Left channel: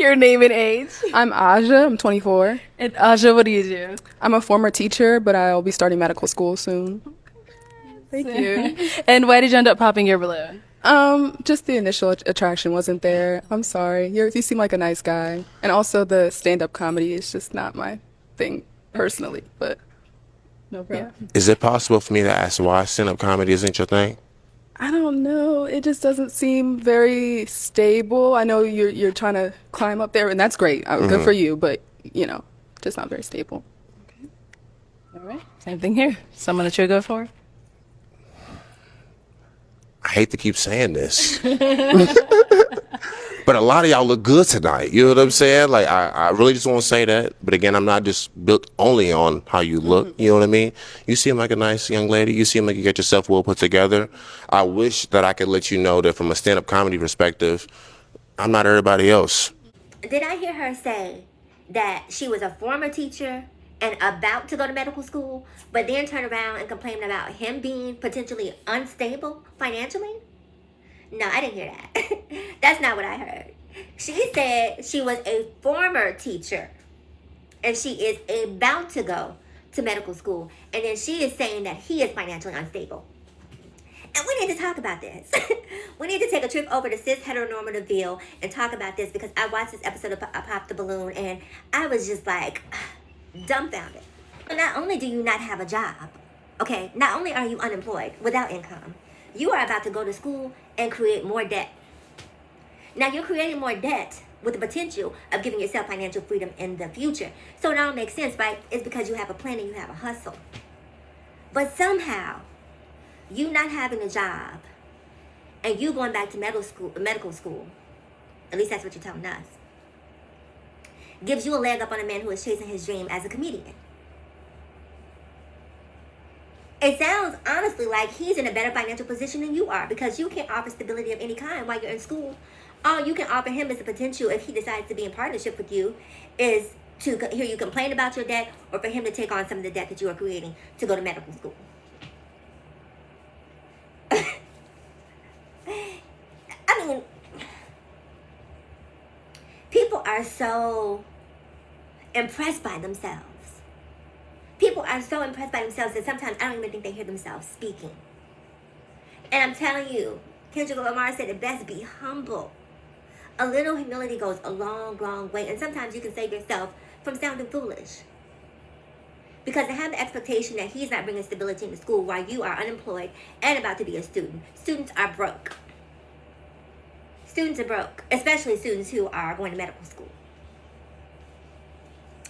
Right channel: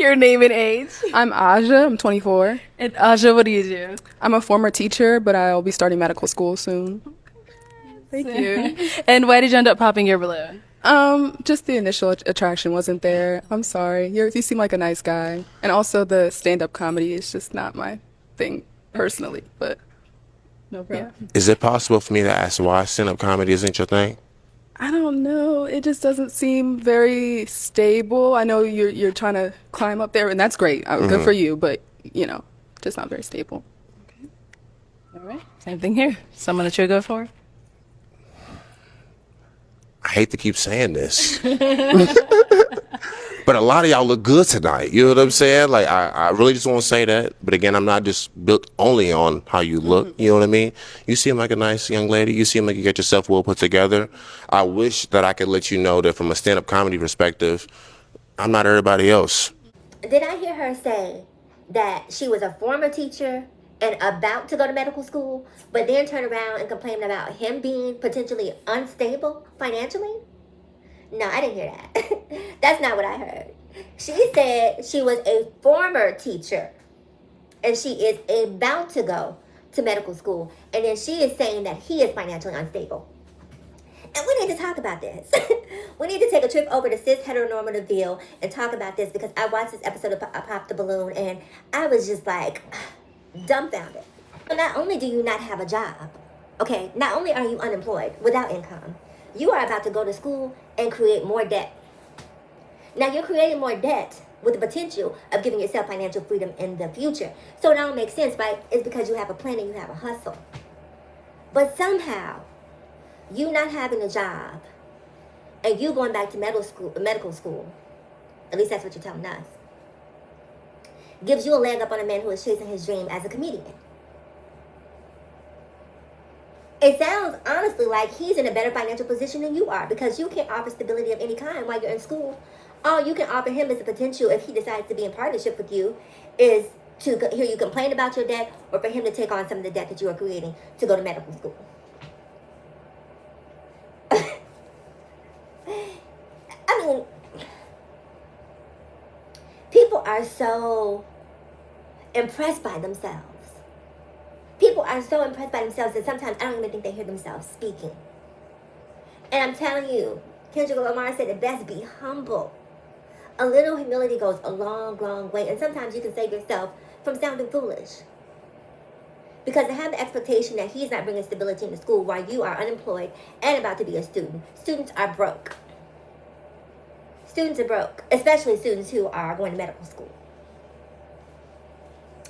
Your name and age. I'm Aja. I'm 24. And Aja, what do you do? I'm a former teacher, but I'll be starting medical school soon. Thank you. And why did you end up popping your balloon? Just the initial attraction wasn't there. I'm sorry. You seem like a nice guy. And also the stand-up comedy is just not my thing personally, but No problem. yeah. Is it possible for me to ask why stand-up comedy isn't your thing? I don't know. It just doesn't seem very stable. I know you're trying to climb up there, and that's great. Good for you, but just not very stable. All right. Same thing here. Someone that you're good for? I hate to keep saying this, but a lot of y'all look good tonight. You know what I'm saying? Like, I really just want to say that. But again, I'm not just built only on how you look. You know what I mean? You seem like a nice young lady. You seem like you get yourself well put together. I wish that I could let you know that from a stand-up comedy perspective, I'm not everybody else. Did I hear her say that she was a former teacher and about to go to medical school, but then turn around and complain about him being potentially unstable financially? No, I didn't hear that. That's not what I heard. She said she was a former teacher and she is about to go to medical school, and then she is saying that he is financially unstable. And we need to talk about this. We need to take a trip over to cis heteronormativeville and talk about this, because I watched this episode of Pop the Balloon and I was just like dumbfounded. Not only do you not have a job, okay, not only are you unemployed without income, you are about to go to school and create more debt. Now you're creating more debt with the potential of giving yourself financial freedom in the future. So it all makes sense, right? It's because you have a plan and you have a hustle. But somehow, you not having a job and you going back to medical school, at least that's what you're telling us, gives you a leg up on a man who is chasing his dream as a comedian. It sounds honestly like he's in a better financial position than you are, because you can't offer stability of any kind while you're in school. All you can offer him is the potential, if he decides to be in partnership with you, is to hear you complain about your debt, or for him to take on some of the debt that you are creating to go to medical school. I mean, people are so impressed by themselves. People are so impressed by themselves that sometimes I don't even think they hear themselves speaking. And I'm telling you, Kendrick Lamar said it best: be humble. A little humility goes a long, long way. And sometimes you can save yourself from sounding foolish. Because to have the expectation that he's not bringing stability into school while you are unemployed and about to be a student. Students are broke. Students are broke, especially students who are going to medical school.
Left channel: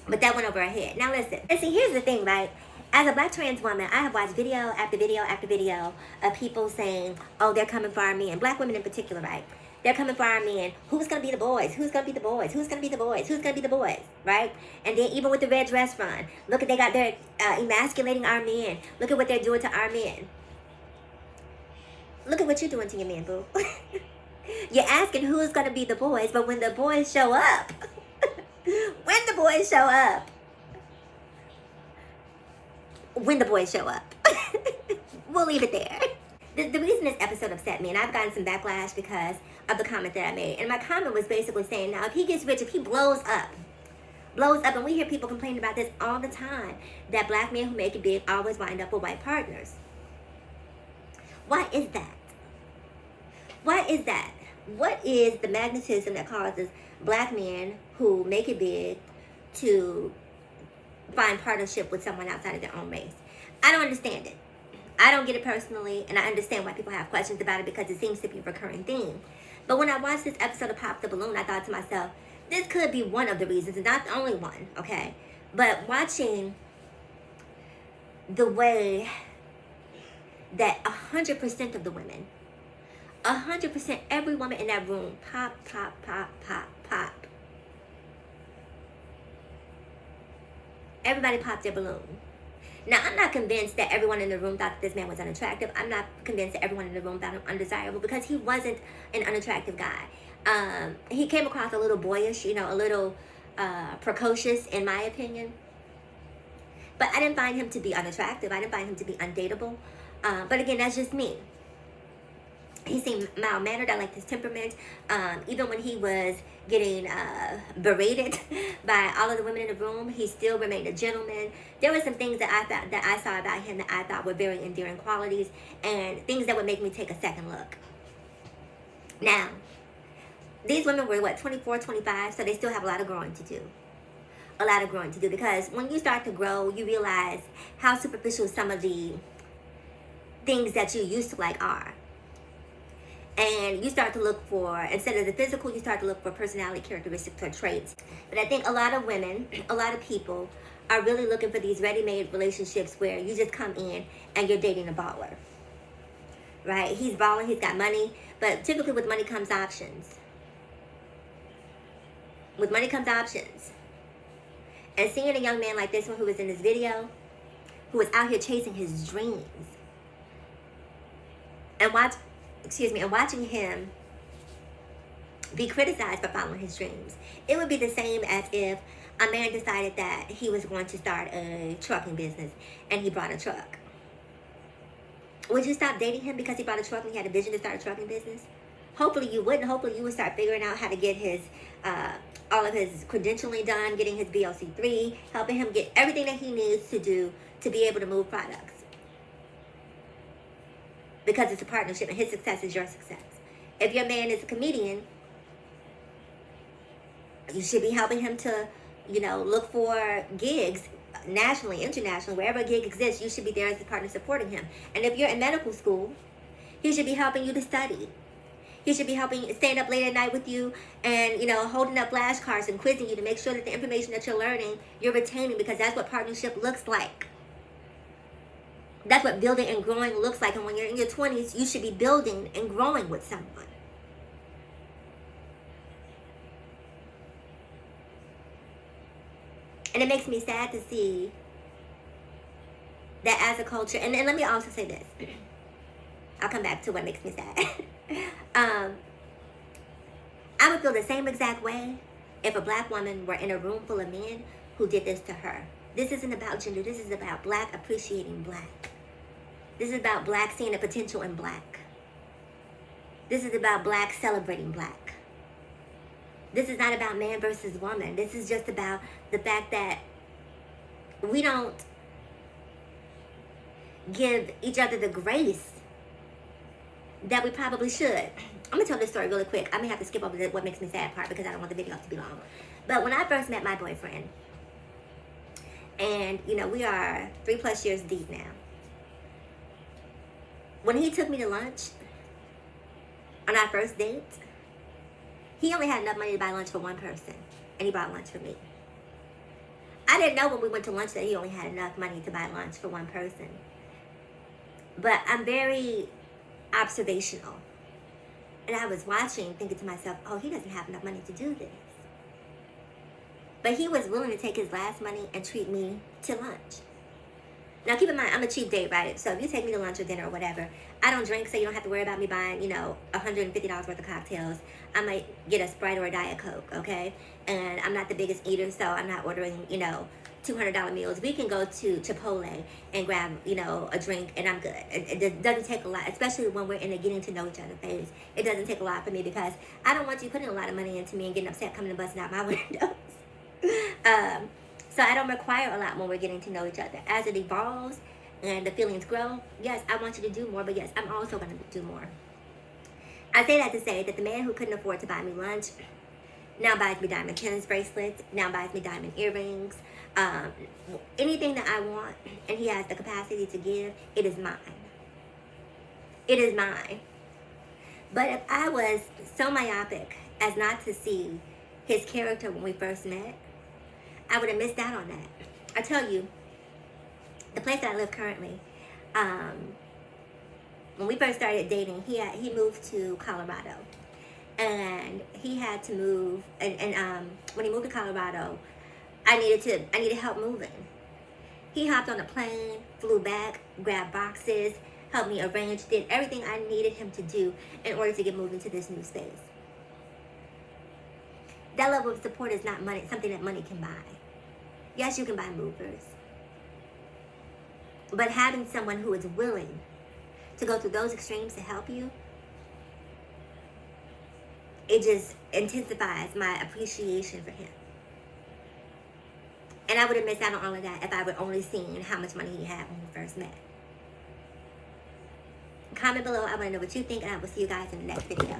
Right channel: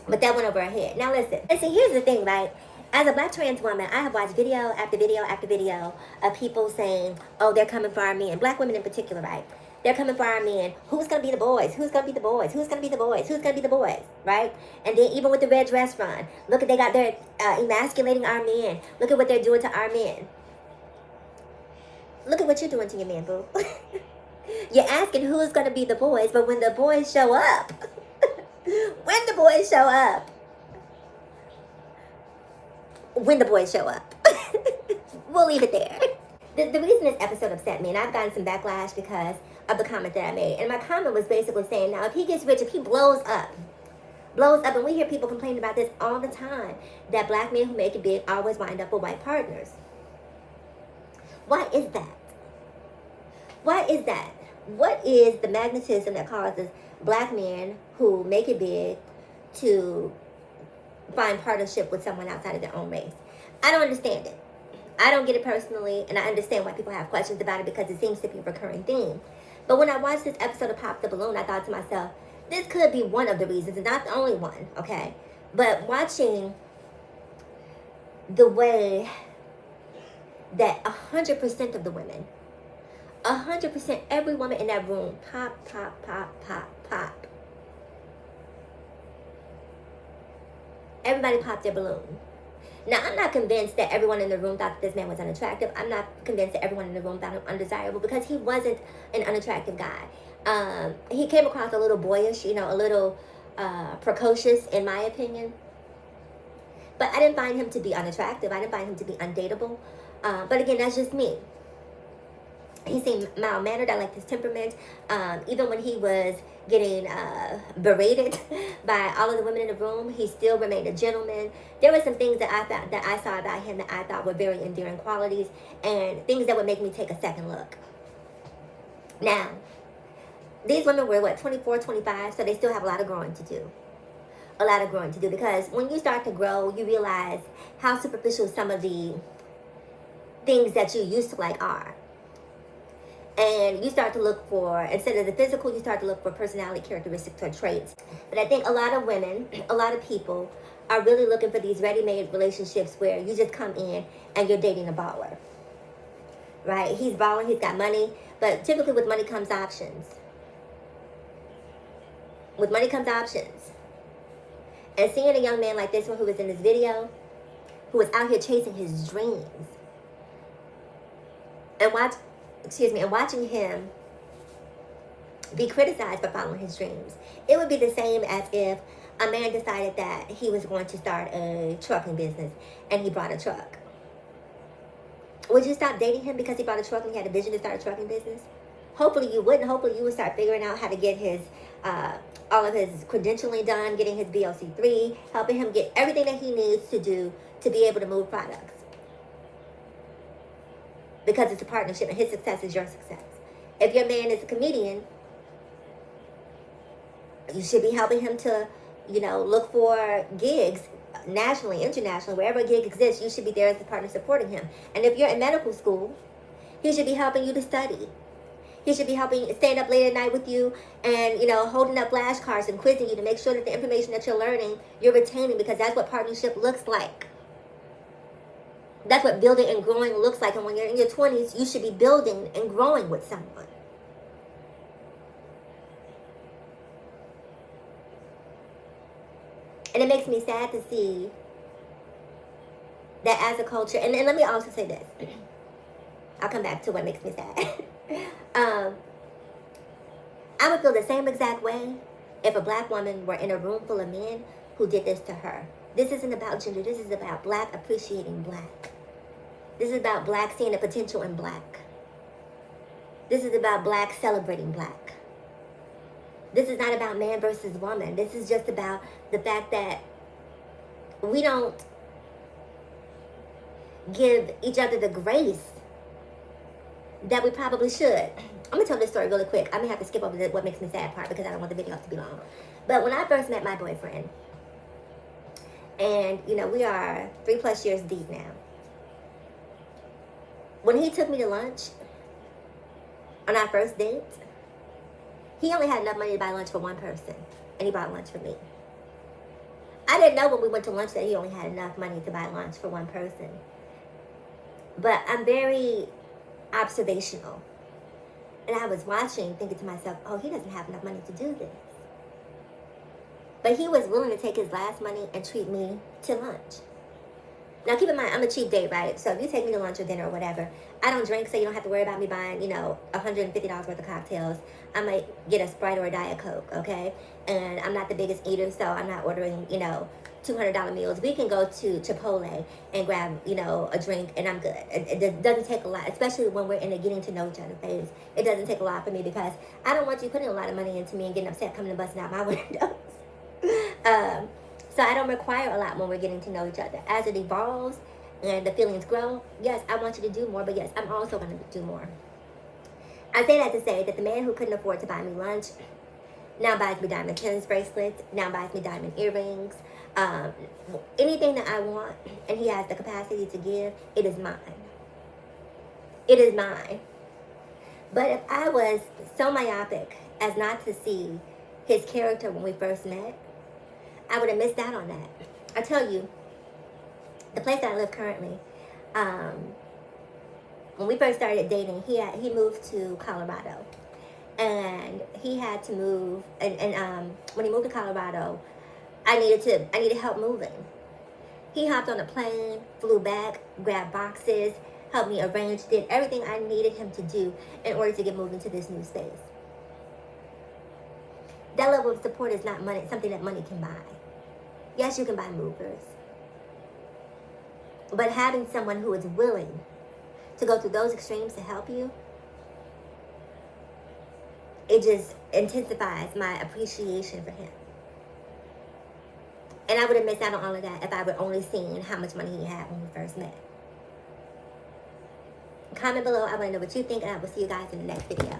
But that went over our head. Now listen. And see, here's the thing, right? As a black trans woman, I have watched video after video after video of people saying, oh, they're coming for our men. Black women in particular, right? They're coming for our men. Who's going to be the boys? Who's going to be the boys? Who's going to be the boys? Who's going to be the boys? Right? And then even with the red dress run, look at they're emasculating our men. Look at what they're doing to our men. Look at what you're doing to your men, boo. You're asking who's going to be the boys, but when the boys show up, when the boys show up, we'll leave it there. The reason this episode upset me, and I've gotten some backlash because of the comment that I made, and my comment was basically saying, now if he gets rich, if he blows up, and we hear people complaining about this all the time, that black men who make it big always wind up with white partners. Why is that? Why is that? What is the magnetism that causes black men who make it big to find partnership with someone outside of their own race? I don't understand it. I don't get it personally, and I understand why people have questions about it, because it seems to be a recurring theme. But when I watched this episode of Pop the Balloon, I thought to myself, this could be one of the reasons, and not the only one, okay? But watching the way that 100% of the women, 100%, every woman in that room, pop. Everybody popped their balloon. Now, I'm not convinced that everyone in the room thought that this man was unattractive. I'm not convinced that everyone in the room found him undesirable, because he wasn't an unattractive guy. He came across a little boyish, a little precocious, in my opinion. But I didn't find him to be unattractive. I didn't find him to be undateable. But again, that's just me. He seemed mild mannered. I liked his temperament. Even when he was getting berated by all of the women in the room, he still remained a gentleman. There were some things that I saw about him that I thought were very endearing qualities and things that would make me take a second look. Now, these women were 24, 25, so they still have a lot of growing to do. A lot of growing to do, because when you start to grow, you realize how superficial some of the things that you used to like are. And you start to look for, instead of the physical, you start to look for personality characteristics or traits. But I think a lot of women, a lot of people are really looking for these ready-made relationships where you just come in and you're dating a baller. Right? He's balling, he's got money, but typically with money comes options. With money comes options. And seeing a young man like this one who was in this video, who was out here chasing his dreams, and watching him be criticized for following his dreams. It would be the same as if a man decided that he was going to start a trucking business and he bought a truck. Would you stop dating him because he bought a truck and he had a vision to start a trucking business? Hopefully you wouldn't. Hopefully you would start figuring out how to get his all of his credentialing done, getting his BOC3, helping him get everything that he needs to do to be able to move products. Because it's a partnership and his success is your success. If your man is a comedian, you should be helping him to, look for gigs nationally, internationally, wherever a gig exists, you should be there as a partner supporting him. And if you're in medical school, he should be helping you to study. He should be staying up late at night with you and, holding up flashcards and quizzing you to make sure that the information that you're learning, you're retaining, because that's what partnership looks like. That's what building and growing looks like. And when you're in your 20s, you should be building and growing with someone. And it makes me sad to see that as a culture, and let me also say this. I'll come back to what makes me sad. I would feel the same exact way if a black woman were in a room full of men who did this to her. This isn't about gender. This is about black appreciating black. This is about black seeing the potential in black. This is about black celebrating black. This is not about man versus woman. This is just about the fact that we don't give each other the grace that we probably should. I'm going to tell this story really quick. I may have to skip over the what makes me sad part because I don't want the video to be long. But when I first met my boyfriend, and, we are 3+ years deep now. When he took me to lunch on our first date, he only had enough money to buy lunch for one person, and he bought lunch for me. I didn't know when we went to lunch that he only had enough money to buy lunch for one person. But I'm very observational. And I was watching, thinking to myself, oh, he doesn't have enough money to do this. But he was willing to take his last money and treat me to lunch. Now, keep in mind, I'm a cheap date, right? So if you take me to lunch or dinner or whatever, I don't drink, so you don't have to worry about me buying, $150 worth of cocktails. I might get a Sprite or a Diet Coke, okay? And I'm not the biggest eater, so I'm not ordering, $200 meals. We can go to Chipotle and grab, a drink, and I'm good. It doesn't take a lot, especially when we're in a getting to know each other phase. It doesn't take a lot for me because I don't want you putting a lot of money into me and getting upset coming and busting out my windows. So I don't require a lot when we're getting to know each other. As it evolves and the feelings grow, yes, I want you to do more, but yes, I'm also going to do more. I say that to say that the man who couldn't afford to buy me lunch now buys me diamond tennis bracelets, now buys me diamond earrings, anything that I want, and he has the capacity to give, it is mine. It is mine. But if I was so myopic as not to see his character when we first met, I would have missed out on that. I tell you, the place that I live currently, when we first started dating, he moved to Colorado, and he had to move. And when he moved to Colorado, I needed help moving. He hopped on a plane, flew back, grabbed boxes, helped me arrange, did everything I needed him to do in order to get moved into this new space. That level of support is not something that money can buy. Yes, you can buy movers. But having someone who is willing to go through those extremes to help you, it just intensifies my appreciation for him. And I would have missed out on all of that if I would only seen how much money he had when we first met. Comment below. I want to know what you think, and I will see you guys in the next video.